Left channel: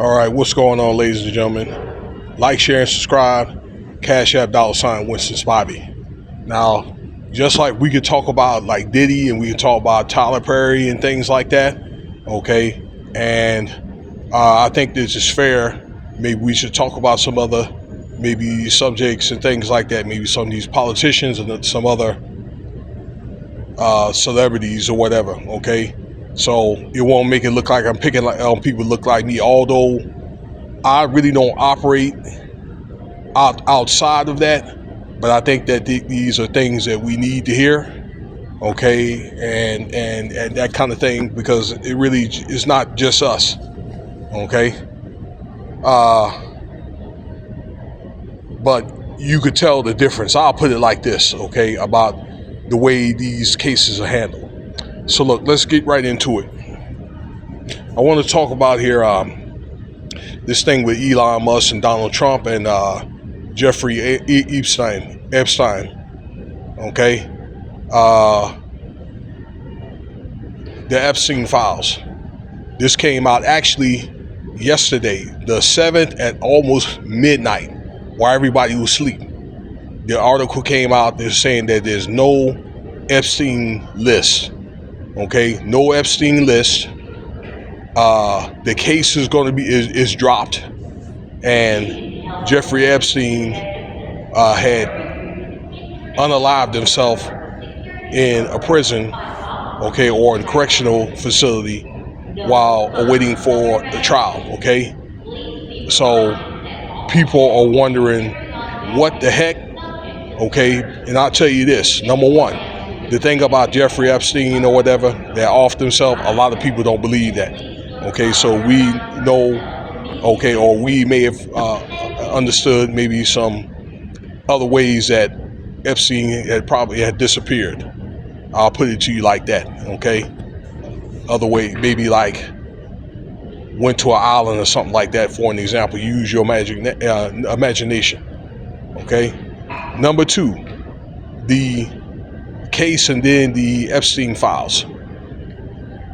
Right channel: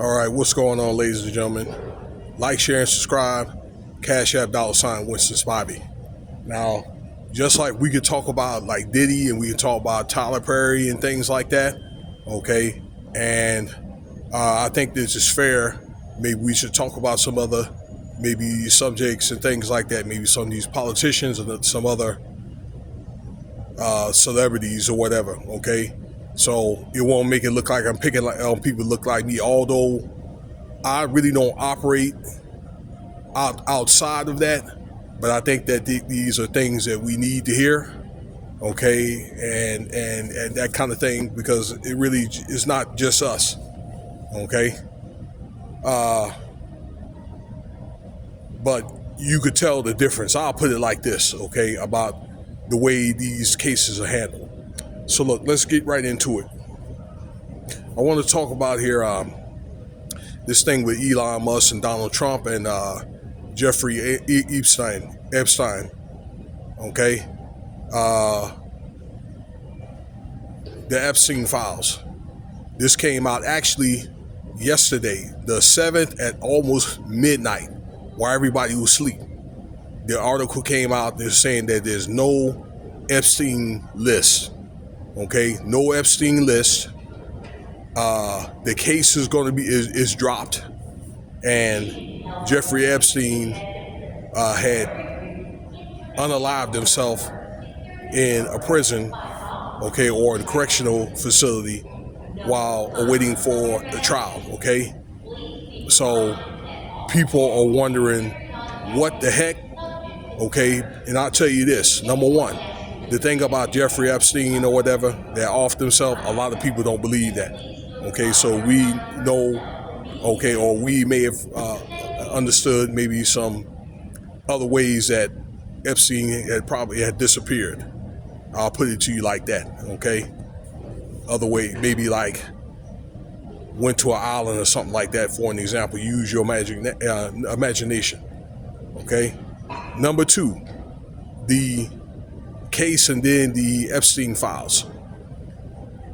All right, what's going on, ladies and gentlemen? Like, share, and subscribe. Cash App $Winston Bobby. Now, just like we could talk about like Diddy and we could talk about Tyler Perry and things like that, okay? And I think this is fair. Maybe we should talk about some other maybe subjects and things like that. Maybe some of these politicians and some other celebrities or whatever, okay? So it won't make it look like I'm picking on people look like me, although I really don't operate outside of that. But I think that these are things that we need to hear, okay, and that kind of thing, because it really is not just us, okay. But you could tell the difference. I'll put it like this, okay, about the way these cases are handled. So look, let's get right into it. I want to talk about here this thing with Elon Musk and Donald Trump and Jeffery Epstien. Okay, the Epstein files. This came out actually yesterday, the 7th at almost midnight, while everybody was asleep. The article came out. They're saying that there's no Epstein list. Okay, no Epstein list. The case is going to be is dropped, and Jeffrey Epstein had unalived himself in a prison, okay, or in a correctional facility while awaiting for the trial. Okay, so people are wondering what the heck. Okay, and I'll tell you this: number one, the thing about Jeffrey Epstein or whatever, that off himself, a lot of people don't believe that. Okay, so we know, okay, or we may have understood maybe some other ways that Epstein had probably disappeared. I'll put it to you like that, okay? Other way, maybe like went to an island or something like that, for an example. Use your imagination, okay? Number two, the case and then the Epstein files.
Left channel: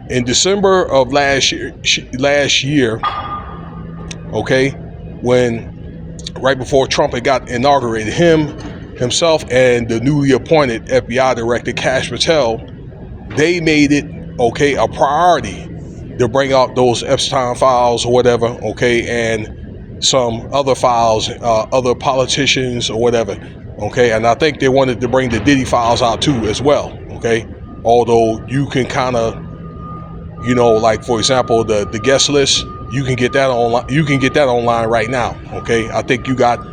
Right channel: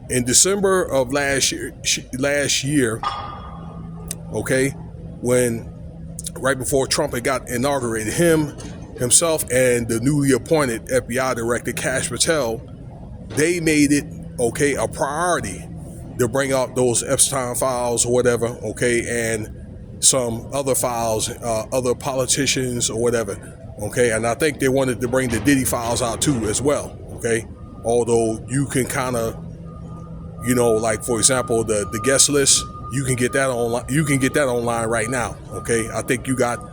In December of last year, okay, when right before Trump had got inaugurated, himself and the newly appointed FBI director Kash Patel, they made it, okay, a priority to bring out those Epstein files or whatever, okay, and some other files, other politicians or whatever, okay, and I think they wanted to bring the Diddy files out too as well, okay, although you can kind of, you know, like for example, the guest list, you can get that online. You can get that online right now. Okay, I think you got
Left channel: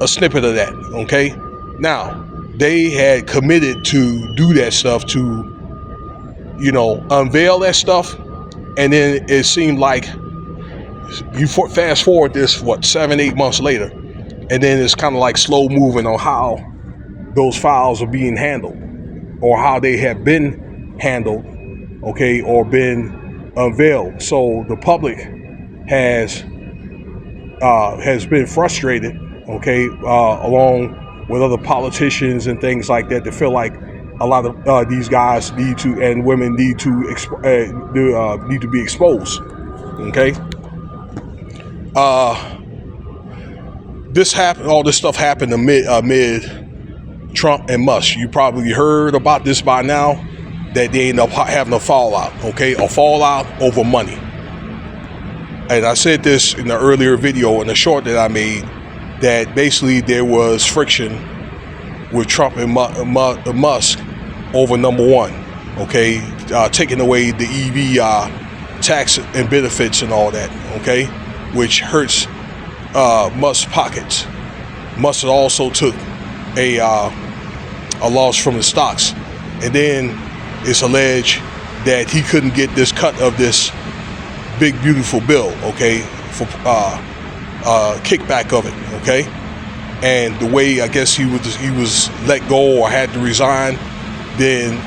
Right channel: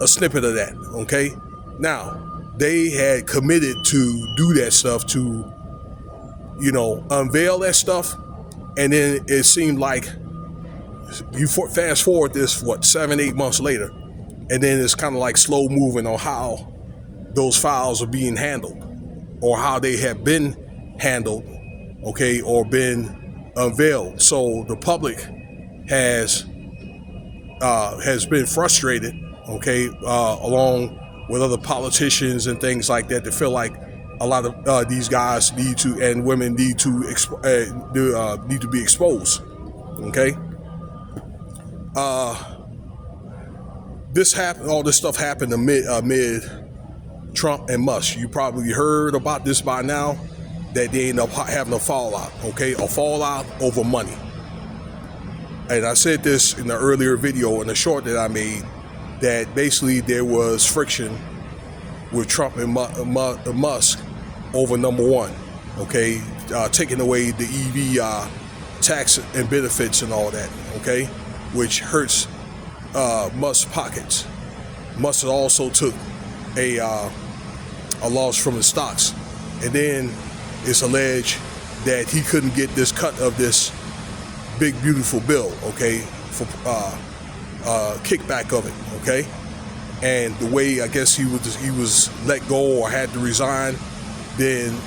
a snippet of that. Okay, now they had committed to do that stuff, to, you know, unveil that stuff, and then it seemed like you fast forward this 7-8 months later, and then it's kind of like slow moving on how those files are being handled, or how they have been handled, okay, or been unveiled. So the public has been frustrated, okay, along with other politicians and things like that, to feel like a lot of these guys need to, and women need to be exposed, okay. All this stuff happened amid Trump and Musk. You probably heard about this by now, that they end up having a fallout, okay? A fallout over money. And I said this in the earlier video, in the short that I made, that basically there was friction with Trump and Musk over number one, okay? Taking away the EV tax and benefits and all that, okay? Which hurts Musk's pockets. Musk also took a loss from the stocks. And then it's alleged that he couldn't get this cut of this big beautiful bill, okay, for kickback of it, okay, and the way I guess he was let go or had to resign, then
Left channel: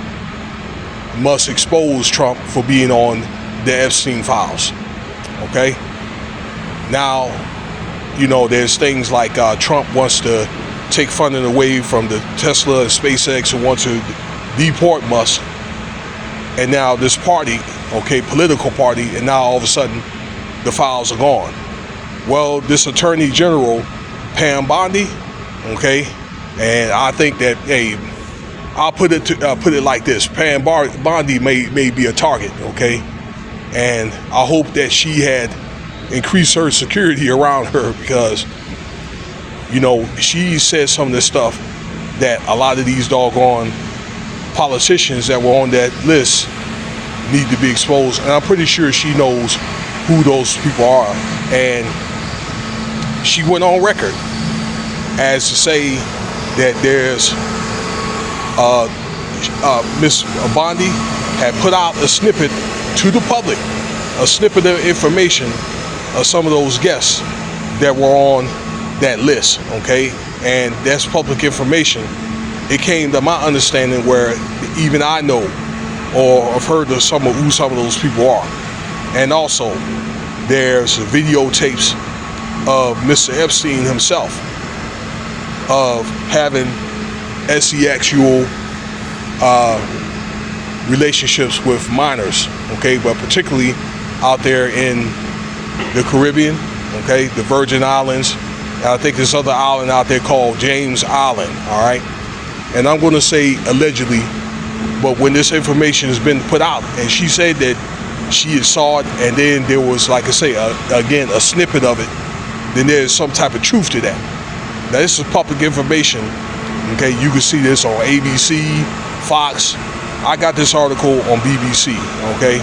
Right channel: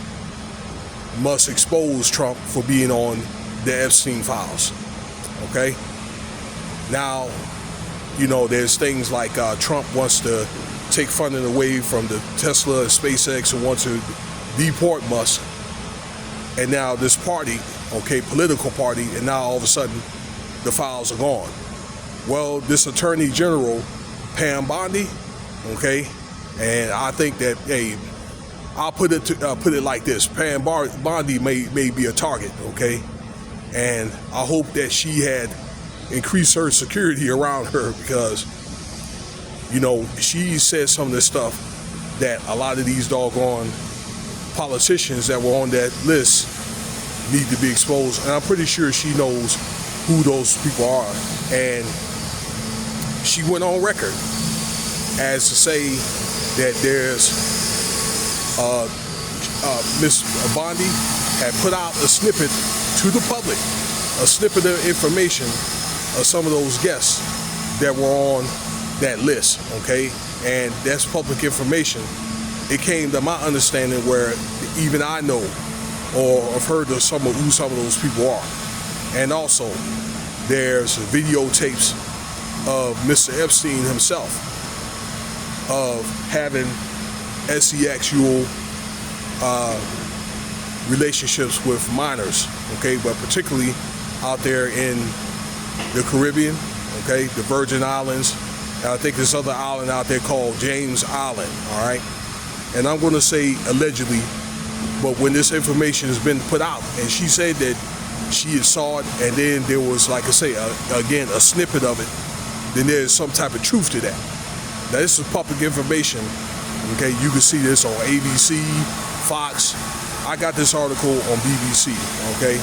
Musk exposed Trump for being on the Epstein files, okay. Now, you know, there's things like Trump wants to take funding away from the Tesla and SpaceX, and wants to deport Musk. And now this party, okay, political party, and now all of a sudden the files are gone. Well, this Attorney General, Pam Bondi, okay, and I think that, hey, I'll put it like this: Pam Bondi may be a target, okay, and I hope that she had increased her security around her, because, you know, she said some of this stuff that a lot of these doggone politicians that were on that list need to be exposed, and I'm pretty sure she knows who those people are. And she went on record as to say that there's Miss Bondi had put out a snippet to the public, a snippet of information of some of those guests that were on that list, okay? And that's public information. It came to my understanding where even I know or have heard of who some of those people are. And also, there's videotapes of Mr. Epstein himself of having sexual relationships with minors, okay, but particularly out there in the Caribbean, okay, the Virgin Islands. I think there's other island out there called James Island, all right? And I'm going to say allegedly, but when this information has been put out, and she said that she had saw it, and then there was, like I say, again, a snippet of it, then there's some type of truth to that. Now, this is public information, okay? You can see this on ABC, Fox. I got this article on BBC, okay?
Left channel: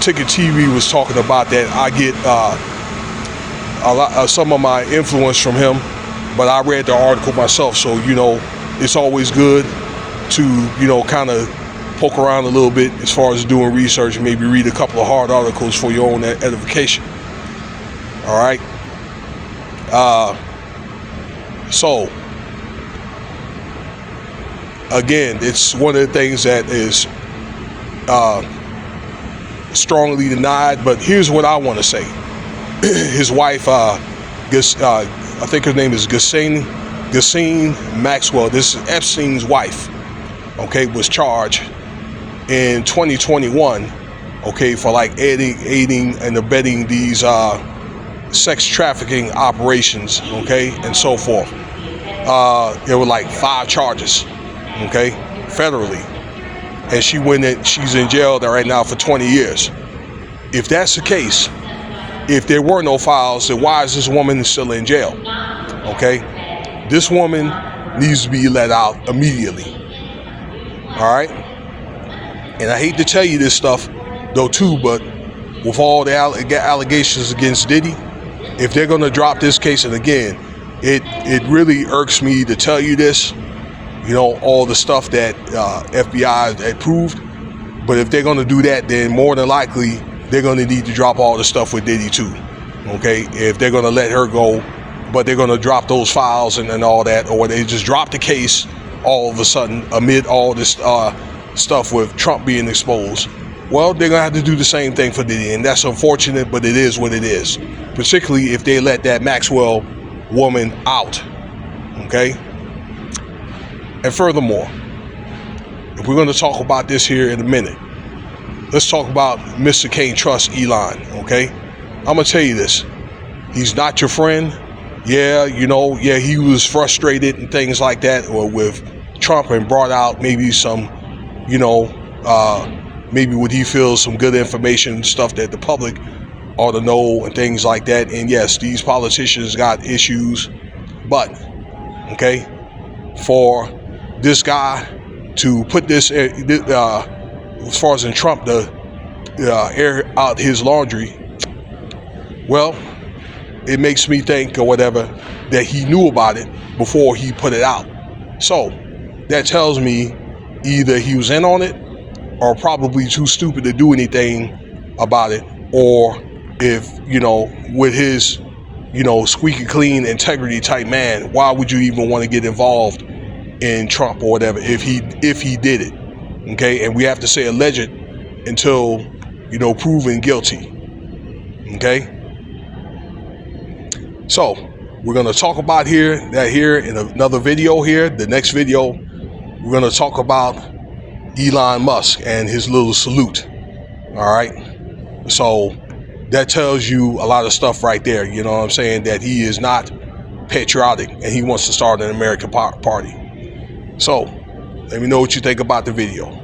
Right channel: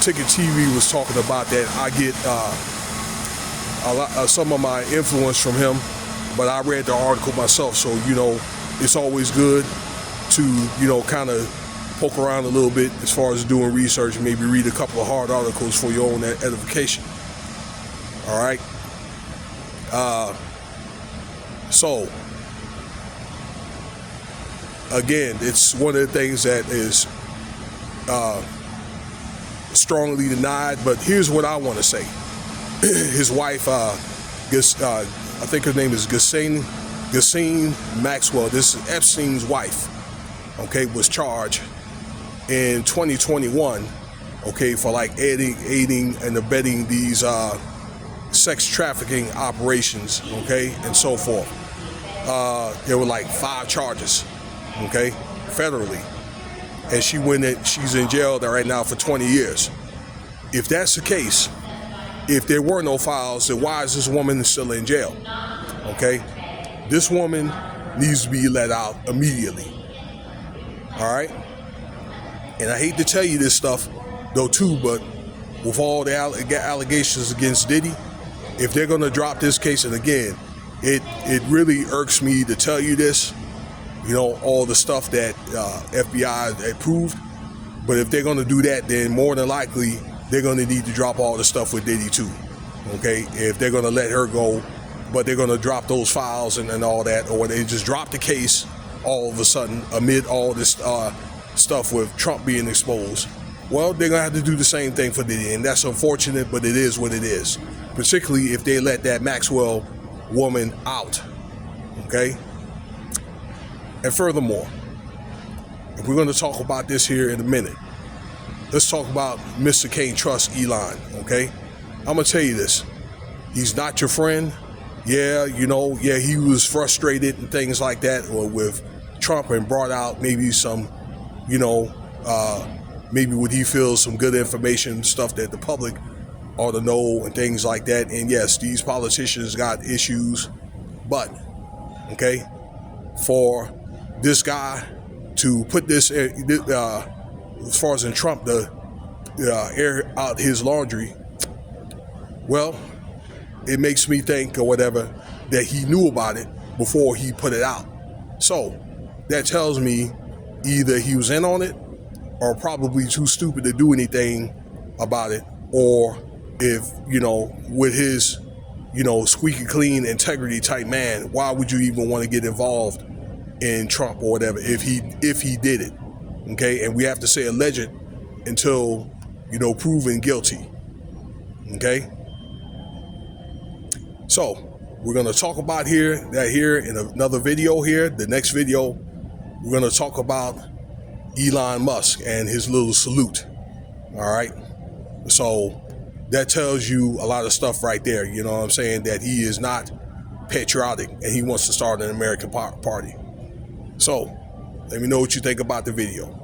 Ticket TV was talking about that. I get some of my influence from him, but I read the article myself, so, you know, it's always good to, you know, kind of poke around a little bit as far as doing research, and maybe read a couple of hard articles for your own edification. All right. So again, it's one of the things that is strongly denied. But here's what I want to say: his wife, I think her name is Ghislaine Maxwell. This is Epstein's wife. Okay, was charged in 2021, okay, for like aiding and abetting these sex trafficking operations, okay, and so forth. There were like 5 charges, okay, federally, and she's in jail there right now for 20 years. If that's the case, if there were no files, then why is this woman still in jail? Okay, this woman needs to be let out immediately. All right, and I hate to tell you this stuff, though, too, but with all the allegations against Diddy, if they're going to drop this case, and again, it really irks me to tell you this, you know, all the stuff that FBI had proved, but if they're going to do that, then more than likely they're going to need to drop all the stuff with Diddy too, okay? If they're going to let her go, but they're going to drop those files and all that, or they just drop the case all of a sudden amid all this stuff with Trump being exposed, well, they're going to have to do the same thing for Diddy, and that's unfortunate, but it is what it is, particularly if they let that Maxwell woman out, okay? And furthermore, if we're going to talk about this here in a minute, let's talk about Mr. Can't Trust Elon, okay? I'm going to tell you this. He's not your friend. Yeah, you know, yeah, he was frustrated and things like that, or with Trump, and brought out maybe some, you know, maybe what he feels some good information, stuff that the public ought to know and things like that. And yes, these politicians got issues, but, okay, for this guy to put this, as far as in Trump, to air out his laundry, well, it makes me think, or whatever, that he knew about it before he put it out. So that tells me either he was in on it, or probably too stupid to do anything about it, or if, you know, with his, you know, squeaky clean integrity type man, why would you even want to get involved in Trump or whatever if he did it? Okay, and we have to say alleged until, you know, proven guilty. Okay, so we're going to talk about that here in another video here. The next video, we're going to talk about Elon Musk and his little salute. All right, so that tells you a lot of stuff right there. You know what I'm saying? That he is not patriotic and he wants to start an American party. So let me know what you think about the video.